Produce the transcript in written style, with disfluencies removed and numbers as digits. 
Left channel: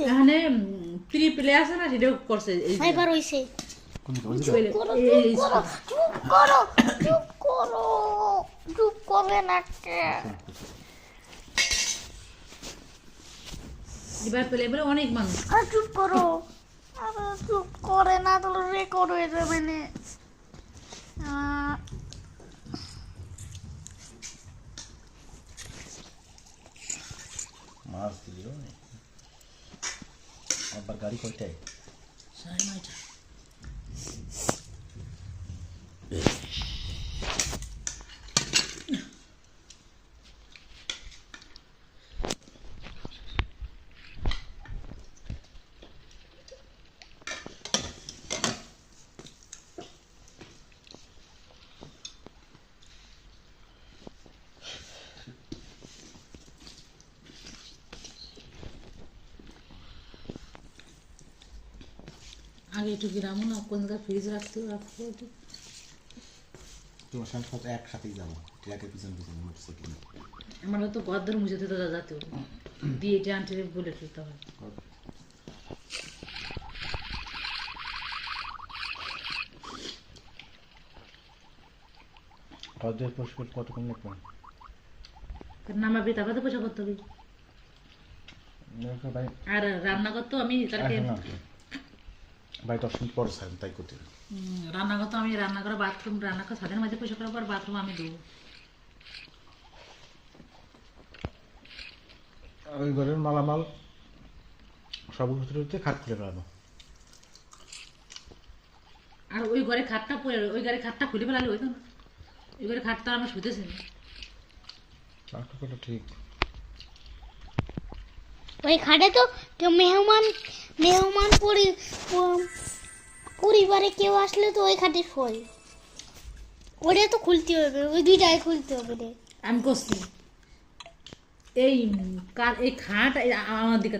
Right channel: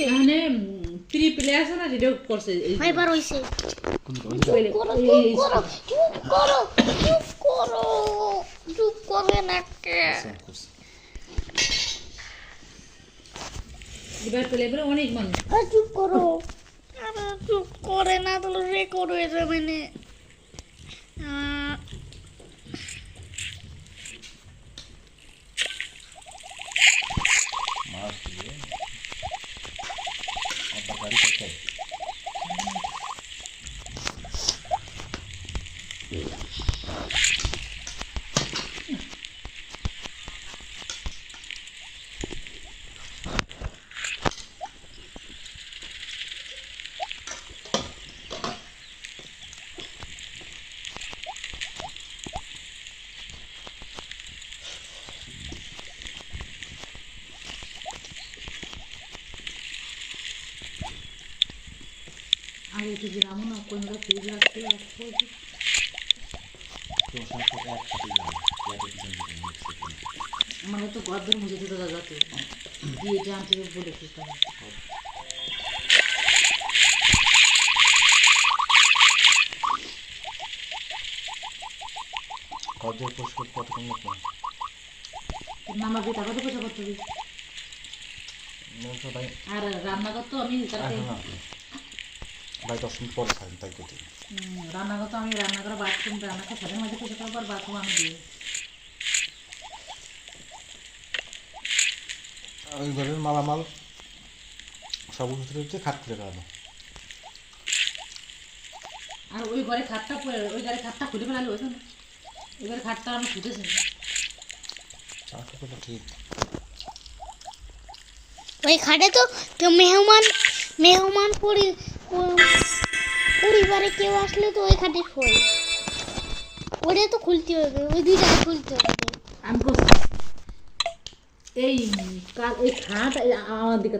হইছে এখানে pre play আছে না সেটাও করছে এই যে। এবার হইছে Pele- এই- চুপ করবে না কে এবার পেলে এবারে অনেক মানুষ চুপ করো আরে চুপ করে না তো রেকর্ড হয়ে যাবে না মাছ দিয়ে আবার গাড়ি করতে হয়। আগে তো যেরামও না কোন জায়গায় ফ্রিজ রাখতে কেউ সাথে এক সাথে যাবে ইয়াতে পিছন পিছন মিক্সে করে। আমার তো গদ্দর মুছে দিতে যাতে দিয়ে এটা আনতে বলেছি তখন গজ্জের পোস্ট করতে কতক্ষণ লাগবে? নামাবি তারপরে তো পয়সা করতে হবে বলছো ভাই আর রান্না করতো আমি তাকে না ভাই 10 মিনিট পরে খাবেন তাই কেটে রান্না করতো আমি রান্না করে বাথরুম রান্না করে সাদের মাঝে পয়সা করার পর বাথরুম আমি দেবো ওই ঘরের মালামাল সব ভিতরে হচ্ছে খাট খুলে ফেলানো। আর ওই ঘরে খাটটা পড়ে ওই ঘরে খাটটা খুলে ফেলালে হইতো না ওই ঘরে খাটটা আমি শুতেছি চারটা কথা ঠিক ওই খাটে তো কেউ মেহমান পরিবারে কেউ আসলে তো ওই খাটে শোয় ওটা তো খুলতে হবে ওই দুইটাই খুলতে হবে আমি করছি এই খাট আমার দিকে